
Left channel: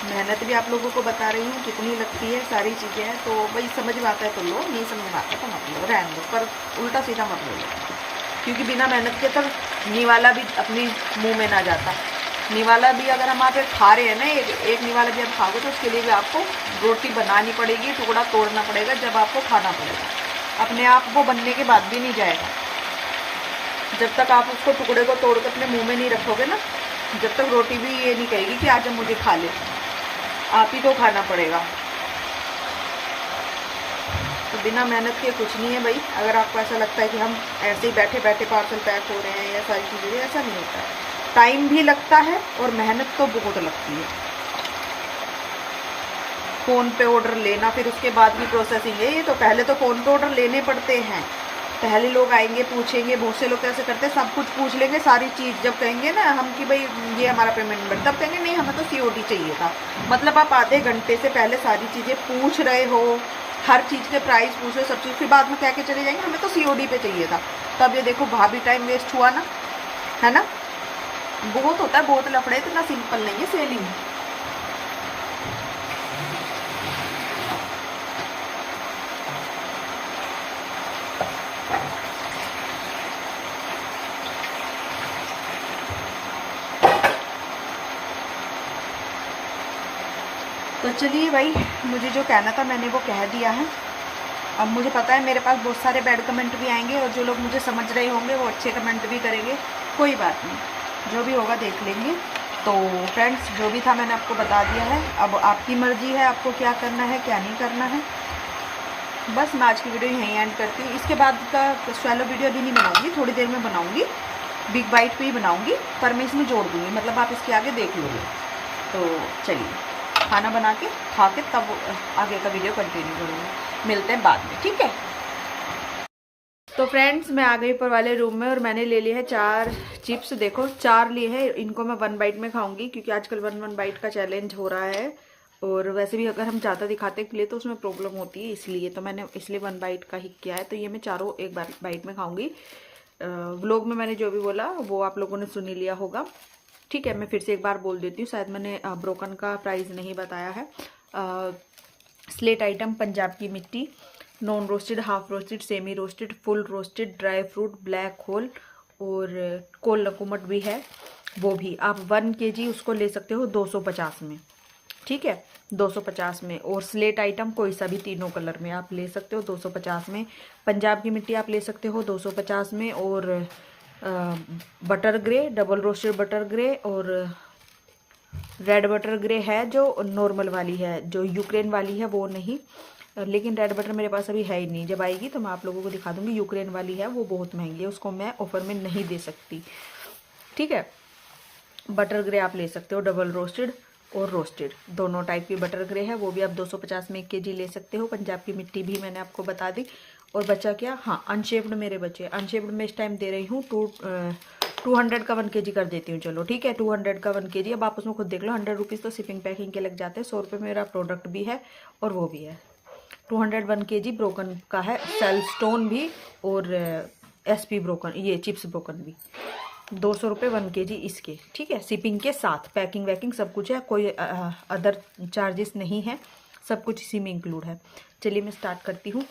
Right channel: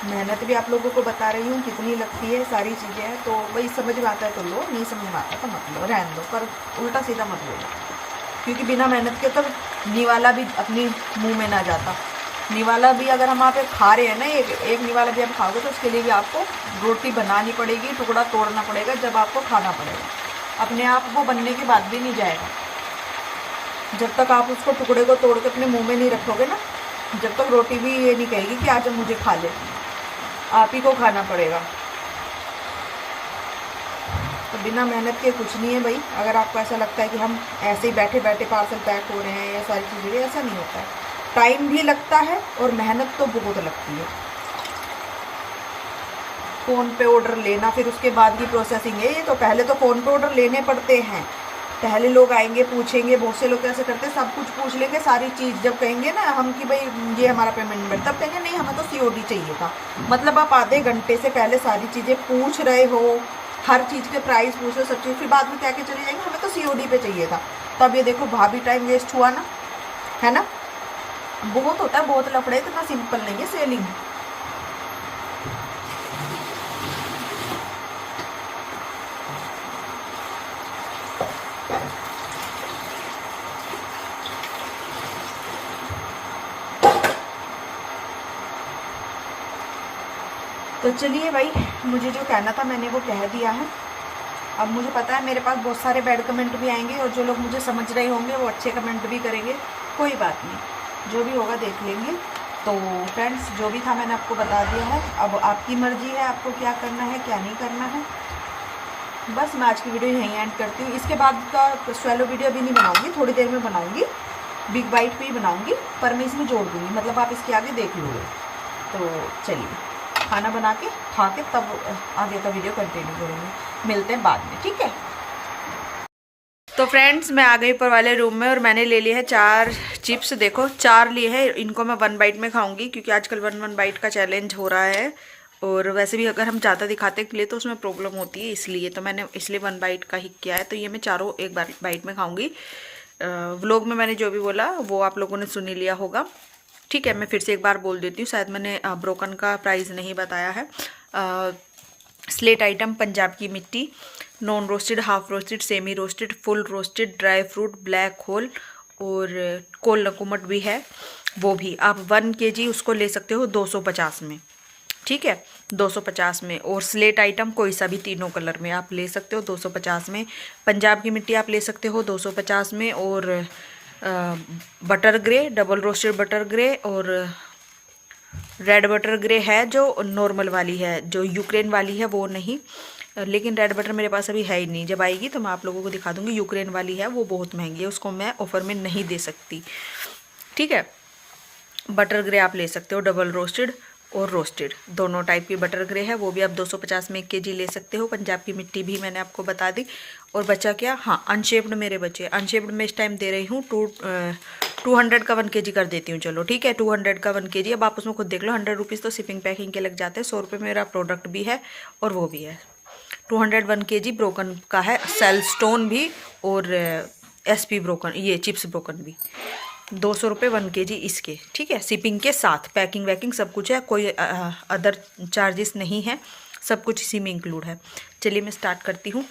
मेहनत भी आप लोगों को बता रही हूँ कितनी लगती है, सारी चीज़ें हैं। तो भाई समझ में आता है तो लो, नहीं समझ में आता तो मत लो, रहने दो, पर उल्टा सीधा मत बोलो, क्योंकि बिना मेहनत के तो निवाला भी अपने मुंह में ना जाता। निवाला भी अगर हम आप खा रहे हैं ना, एक निवाला भी आप खाओगे तो उसके लिए भी आपको रोटी बनानी पड़ेगी, टुकड़ा तोड़ना पड़ेगा, जब आपको खाना पड़ेगा। अपने आप वो बनने के बाद भी नहीं जाएगा, जब तक आप उसको टुकड़े को तोड़ के अपने मुंह में नहीं रखोगे ना, जब तक रोटी भी ये नहीं कहेगी कि आज मुझे खा ले, आप ही को खाना पड़ेगा। तो बिना मेहनत के कुछ नहीं है भाई। अगर आपको ऐसा लगता है कि हम ऐसे ही बैठे बैठे पार्सल पैक हो रहे हैं या सारी चीज़ें, ऐसा नहीं होता है, टाइम भी लगता है और मेहनत तो बहुत लगती है। फ़ोन पे ऑर्डर लेना, फिर उसके बाद की प्रोसेसिंग है ये, तो पहले तो फ़ोन पे ऑर्डर लेने पड़ते हैं, पहले लोग आएंगे पूछेंगे, बहुत से लोग कैसे करते हैं सब कुछ पूछ लेंगे सारी चीज़। जब कहेंगे ना हम कि भाई ये हमारा पेमेंट नंबर, तब कहेंगे नहीं हमें तो COD चाहिए था। मतलब आप आधे घंटे से पहले सारी चीज़ें पूछ रहे हो, हर चीज़ के प्राइस पूछ रहे हो, सब चीज़, फिर बाद में कह के चले जाएंगे हमें तो COD पे चाहिए था। तब ये देखो भाभी टाइम वेस्ट हुआ ना, है ना। बहुत होता है, बहुत लफड़े, इतना सिंपल नहीं है सेलिंग। तो चलिए भाई, मुझे जो कहना था मैंने वो कह दिया है। अब मुझे पता है मेरे पास बहुत सारे बैड कमेंट भी आएंगे, और जो लोग मुझे समझ रहे होंगे वो अच्छे कमेंट भी करेंगे, कोई बात नहीं, जो भी होगा देख लेंगे। तो फ्रेंड्स, जो भी था मैंने आपको बता दिया है, अब आपकी मर्ज़ी है आपको क्या करना है क्या नहीं करना है। बस मैं आज की वीडियो यहीं एंड करती हूँ। इसके बाद का स्वैलो वीडियो अभी नहीं बनाऊँगी, थोड़ी देर में बनाऊँगी, बिग बाइट पे ही बनाऊँगी, पर मैं इसमें जोड़ दूँगी, मतलब आप इसके आगे देख लोगे। तो चलिए खाना बना के खा के तब आगे का वीडियो कंटिन्यू करूँगी। मिलते हैं बाद में, ठीक है। तो फ्रेंड्स, मैं आ गई ऊपर वाले रूम में और मैंने ले लिए हैं 4 चिप्स। देखो 4 लिए हैं, इनको मैं 1 बाइट में खाऊंगी, क्योंकि आजकल 1 बाइट का चैलेंज हो रहा है। और वैसे भी अगर हम ज़्यादा दिखाते के लिए तो उसमें प्रॉब्लम होती है, इसलिए तो मैंने इसलिए 1 बाइट का ही किया है। तो ये मैं चारों एक बार बाइट में खाऊंगी। व्लॉग में मैंने जो भी बोला वो आप लोगों ने सुन ही लिया होगा। ठीक है, मैं फिर से एक बार बोल देती हूँ, शायद मैंने ब्रोकन का प्राइस नहीं बताया है। स्लेट आइटम पंजाब की मिट्टी, non roasted, half roasted, semi roasted, full roasted, dry fruit, black hole और कोल नकुमट भी है, वो भी आप 1 kg उसको ले सकते हो 250 में। ठीक है, 250 में। और स्लेट आइटम कोई सा भी तीनों कलर में आप ले सकते हो 250 में। पंजाब की मिट्टी आप ले सकते हो 250 में। और butter grey, double roasted butter grey और रेड बटर ग्रे है जो नॉर्मल वाली है, जो यूक्रेन वाली है वो नहीं। लेकिन रेड बटर मेरे पास अभी है ही नहीं, जब आएगी तो मैं आप लोगों को दिखा दूंगी। यूक्रेन वाली है वो बहुत महंगी है, उसको मैं ऑफर में नहीं दे सकती। ठीक है, बटर ग्रे आप ले सकते हो, डबल रोस्टेड और रोस्टेड दोनों टाइप की बटर ग्रे है, वो भी आप 250 में 1 kg ले सकते हो। पंजाब की मिट्टी भी मैंने आपको बता दी। और बचा क्या, हाँ अनशेप्ड मेरे बचे। अनशेप्ड में इस टाइम दे रही हूँ 200 का 1 kg कर देती हूँ। चलो ठीक है, 200 का 1 kg। अब आप उसमें खुद देख लो, 100 रुपीज़ तो शिपिंग पैकिंग के लग जाते हैं। 100 रुपये मेरा प्रोडक्ट भी है और वो भी है। 200 1 kg ब्रोकन का है, सेल स्टोन भी और SP ब्रोकन, ये चिप्स ब्रोकन भी। 200 रुपये 1 kg इसके। ठीक है, शिपिंग के साथ पैकिंग वैकिंग सब कुछ है, कोई अदर चार्जेस नहीं है, सब कुछ इसी में इंक्लूड है। चलिए मैं स्टार्ट करती हूँ।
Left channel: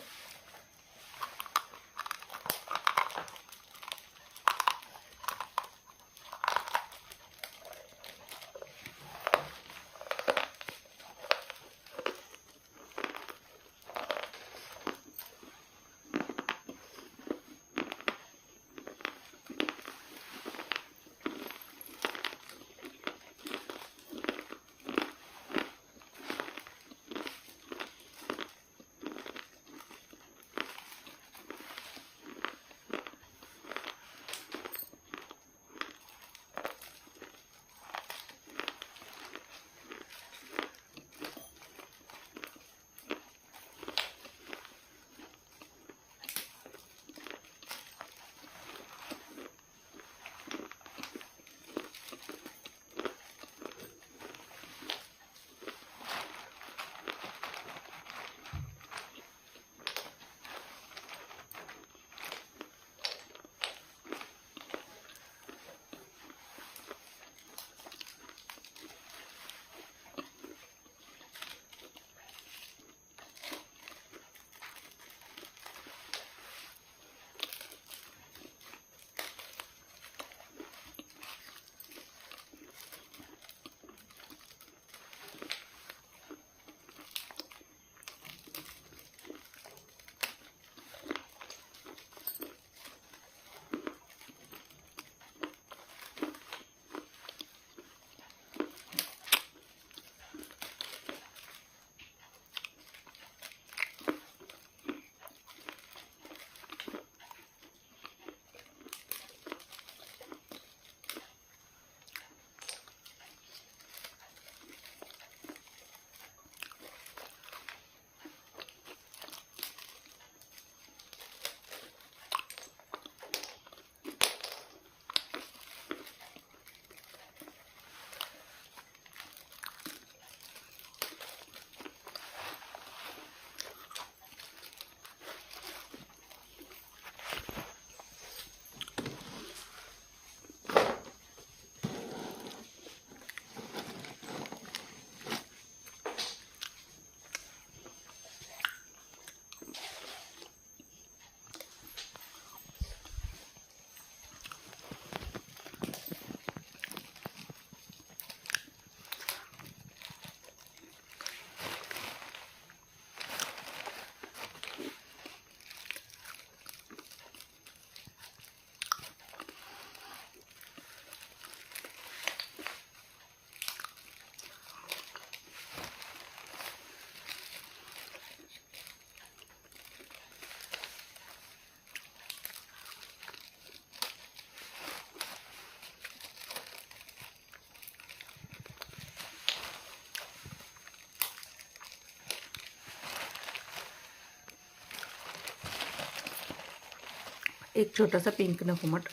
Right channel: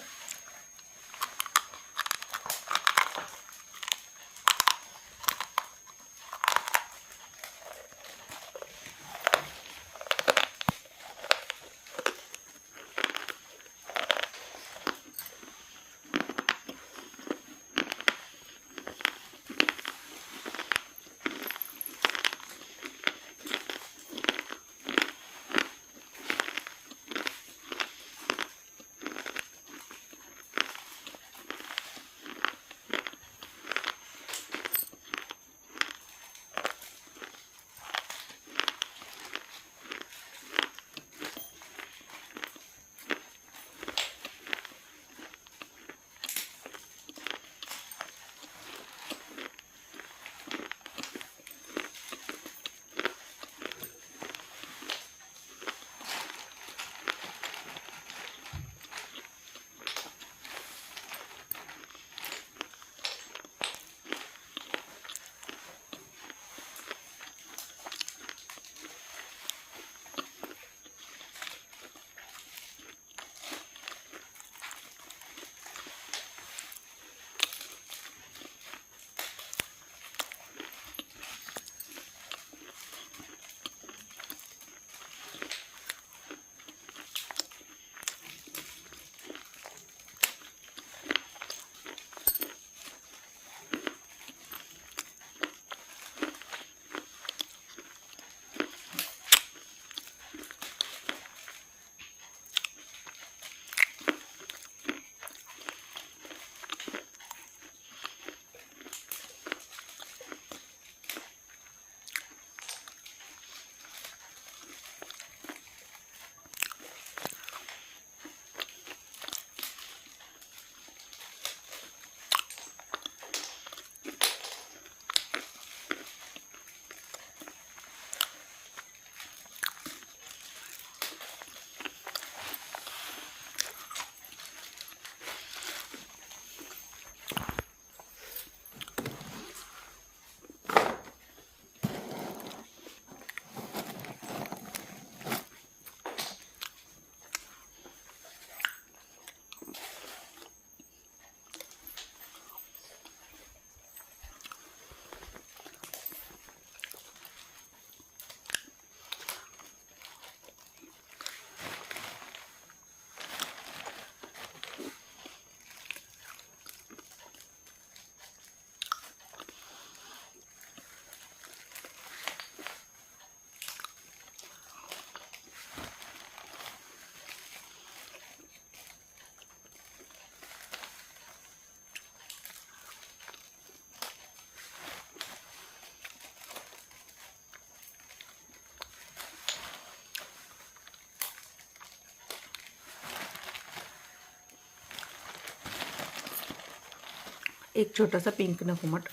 एक छोटा सा पिंक नकुमट।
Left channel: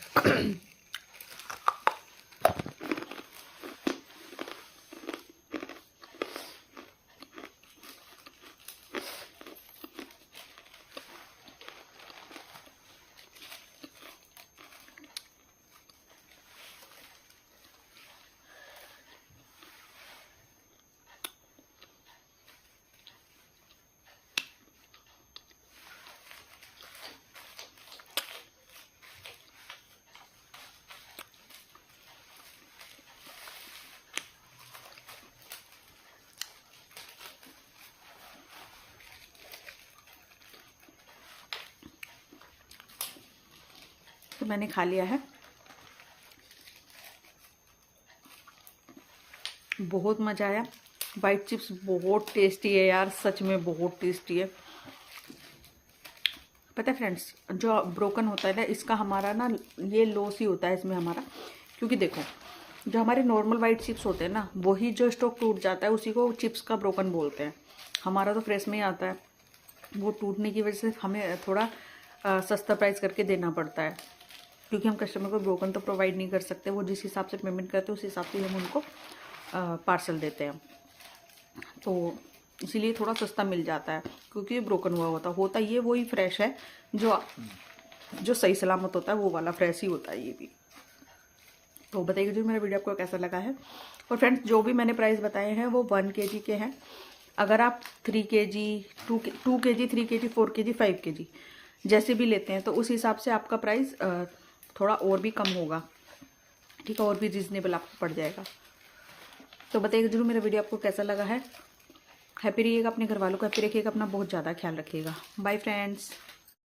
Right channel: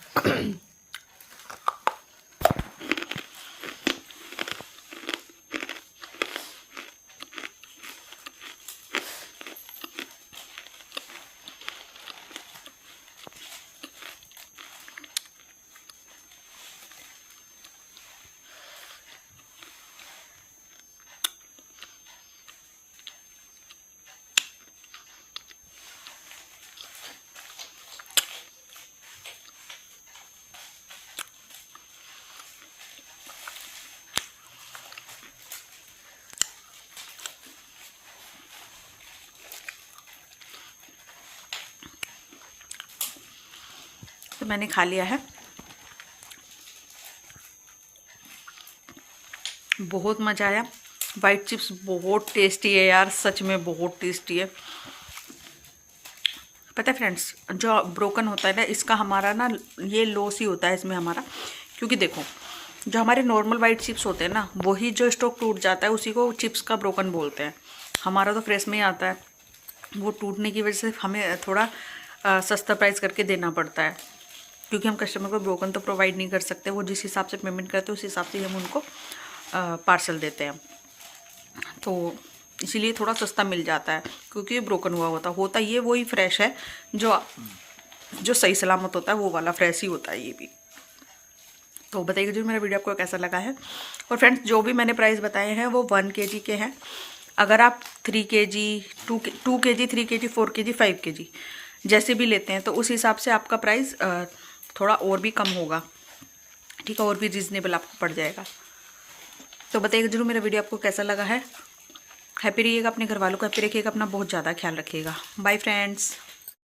मैंने खा लिया है। बहुत मज़ा आया। वाइट चिप्स बहुत टेस्टी है यार, सच में बहुत टेस्टी है। पता है फ्रेंड्स, जो ब्रोकन होता है ना, इसका हमारा ना ये लॉस ही होता है इसमें हमारा, क्योंकि देखो जो हमारे नॉर्मल वाइट चिप्स होते हैं ना, वही जो स्टॉक टूट जाता है उसी को चिप्स का ब्रोकन बोलते हैं। हमारा तो फ्रेश में ही आता है, वो टूटने की वजह से हमें थोड़ा सस्ता प्राइस करके देना पड़ता है, क्योंकि हम कस्टमर को ब्रोकन तो प्रोवाइड नहीं कर सकते। वो जिस हिसाब से पेमेंट करते हैं उस हिसाब से हम उनको पार्सल देते हैं, तो इसीलिए थोड़ा सस्ता मिल जाता है, क्योंकि ये ब्रोकन हुआ होता ये वही फ्रेश है जो सही सलामत होता है, वो वाला फ्रेश ही होता है ये भी। तो बताइए जो मेरा वीडियो आपको कैसा लगा है। और फ्रेंड्स, जो भी मैंने प्राइस बताए हैं वो 1 kg के हैं। अगर आप 3 kg 2 kg 3 kg 4 kg 5 kg जैसे भी लेते हैं तो उस हिसाब से आपका प्राइस थोड़ा और भी कम होगा, ठीक है, और भी रीज़नेबल आपको पड़ जाएगा। तो बताइएगा जरूर मेरा वीडियो आपको कैसा लगा है। हैप्पी रहिएगा, अपने घर वालों को हैप्पी रखिएगा, अपना बहुत ज़्यादा ख्याल रखिएगा। Bye friends.